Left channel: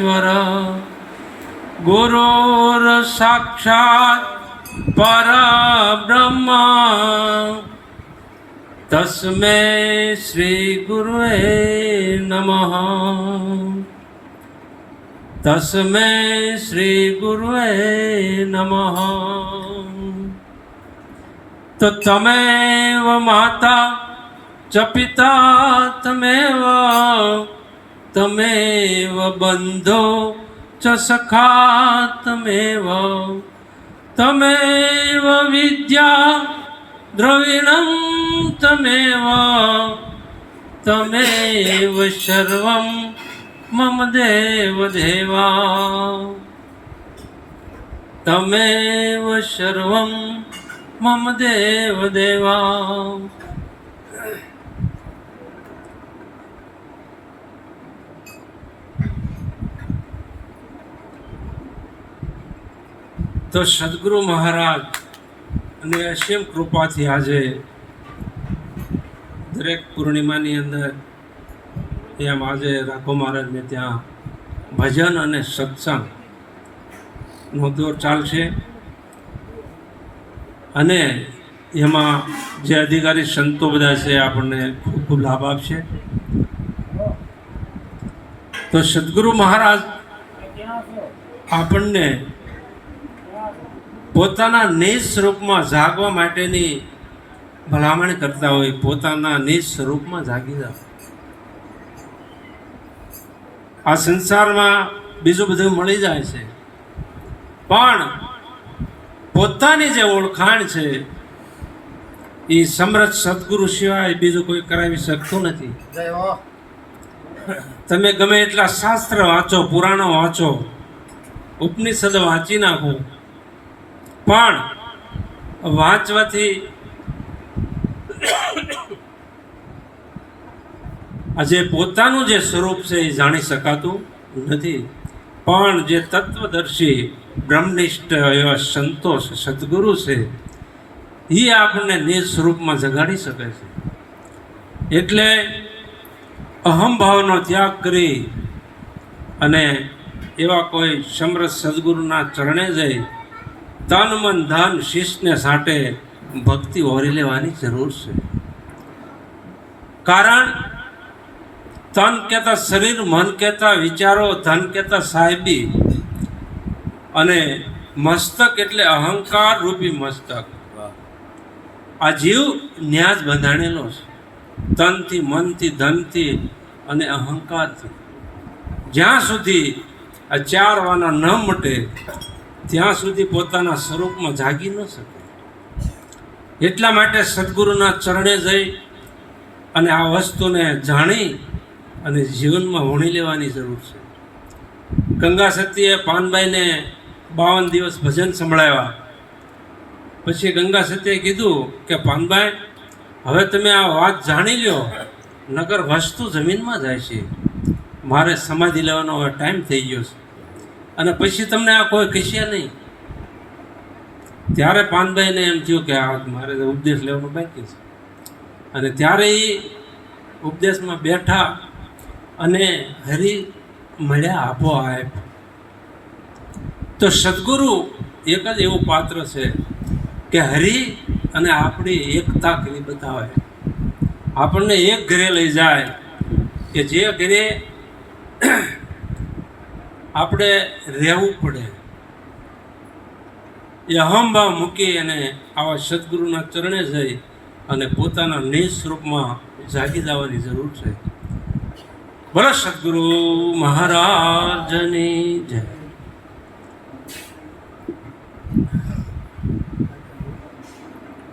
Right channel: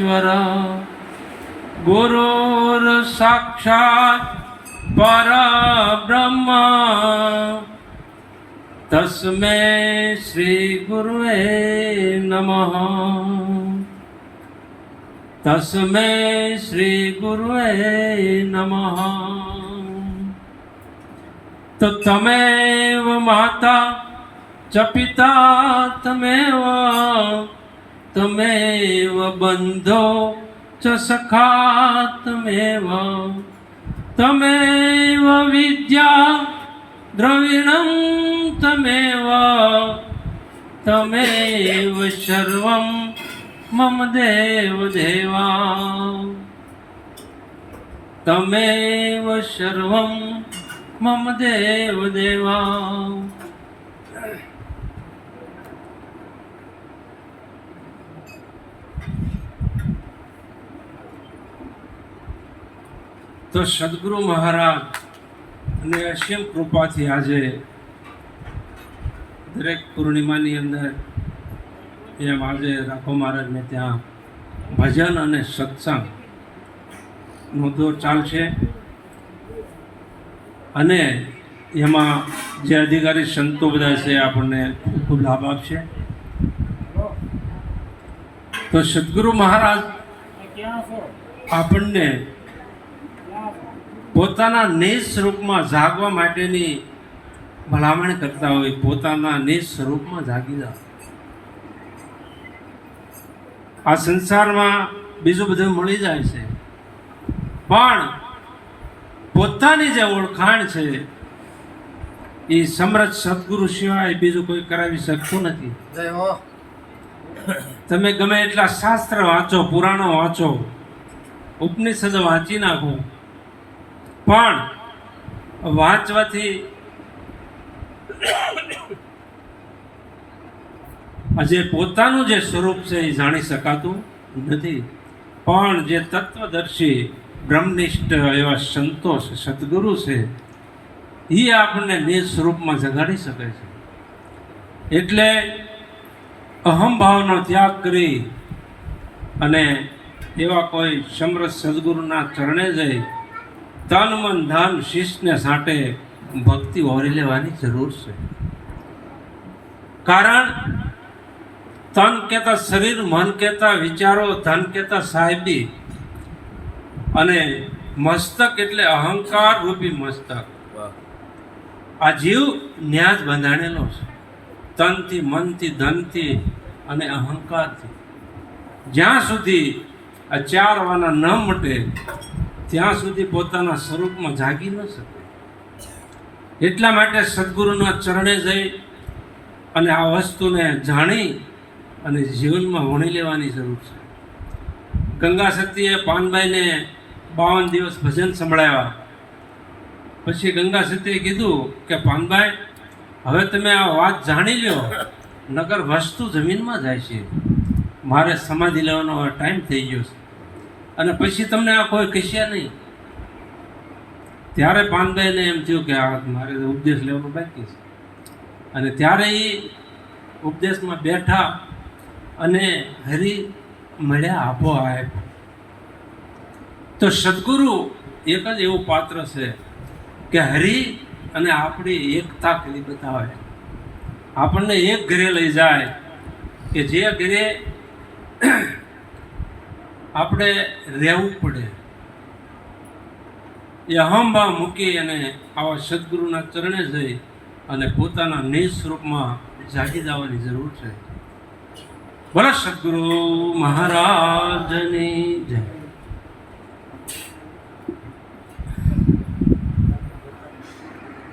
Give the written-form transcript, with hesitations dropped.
परमेश्वर गुरुर साक्षात् परब्रह्म तस्मै श्री गुरुवे नमः। तस्मै श्री गुरुवे नमः। तो तमेव माता च पिता तमेव तमेव बन्धो च सखा तमेव तमेव विद्या द्रविणं तमेव तमेव सर्वं मम देव देवा। तमेव सर्वं मम देव देवा। तो सद्गुरु महाराज અને અસીમ કૃપાથી આજે દરેક પૂર્ણિમાની અંદર એમ આજે રાખો મહારાજને ત્યાં ભજન અને સત્સંગનો દોર ચાલશે અને એમાં જે અધિકારી સંતો બધા છે આપણને ખૂબ ખૂબ લાભ આપશે। તો સદ્ગુરુ મહારાજ આપણને પોતાના નિજ સ્વરૂપમાં જાગવા માટેની ભલામણ કરતા હોય। પોતાના નિજ સ્વરૂપમાં જાગી જાઓ। આ સંસારમાં બીજું બધું મળી જાય છે, પણ પોતાની જે ઓળખાણ છે એ સમર્થ સદગુરુ સિવાય બીજું કોઈ કરાવી શકતું નથી। તમે ગમે એટલા શાસ્ત્ર વાંચો, પુરાણો વાંચો, ઉપનિષદ વાંચી નાખો, પણ વાંચવાથી આજે પોતાનું જે સ્વરૂપ છે એ જાણી શકાતું નથી। પણ જે તત્વદર્શી બ્રહ્મનિષ્ઠ એવા સંતો છે, સદગુરુ છે, એ આપણને નિજ સ્વરૂપમાં જગાડી શકે છે। એટલે અહંભાવનો ત્યાગ કરી અને એવા કોઈ સમર્થ સદગુરુના ચરણે જઈ તન મન ધન શિષ્યને સાંટે ભક્તિ ઓરી લેવાની જરૂર છે। કારણ તન કહેતા શરીર, મન કહેતા વિચારો, ધન કહેતા સાહેબી અને મસ્તક એટલે અહંકાર રૂપી મસ્તક। આ જીવ ન્યાજ બંધાણેલો છે તનથી, મનથી, ધનથી અને અહંકારથી। જ્યાં સુધી આ ચાર વાના ન મટે ત્યાં સુધી પોતાના સ્વરૂપમાં જાગી ન શકે। એટલા માટે સદગુરુના ચરણે જઈ અને આ વસ્તુને જાણી અને જીવનમાં વણી લેવાની જરૂર છે। ગંગા સતીએ પાનભાઈને 52 દિવસ ભજન સંભળાવ્યા। પછી ગંગા સતીએ કીધું કે પાનભાઈ, હવે તમે આ વાત જાણી લો, નગર વસ્તુ જમીનમાં જાય છે, મારે સમાધિ લેવાનો હવે ટાઈમ થઈ ગયો છે અને પછી તમને આ કોઈ કહેશે નહીં। ત્યારે પાનભાઈને એમ થયું કે આ મારે ઉપદેશ લેવાનો બાકી છે, અને ત્યારે એ ઉપદેશમાં બેઠા અને હરિ મળ્યા આપોઆપ। તો સદગુરુ એક જ એવું પાત્ર છે કે હરિ અને આપણી એકતા કરી બતાવે। આપણને એક ઘરે લઈ જાય કે જે ઘરે આપણે રહેવું પડે, એ અહંભાવ મૂકી અને આવા સદગુરુના ચરણે જઈ અને પોતાના નિજ સ્વરૂપમાં જાગી જવાની જરૂર છે। બોલો સદગુરુ મહારાજની જય।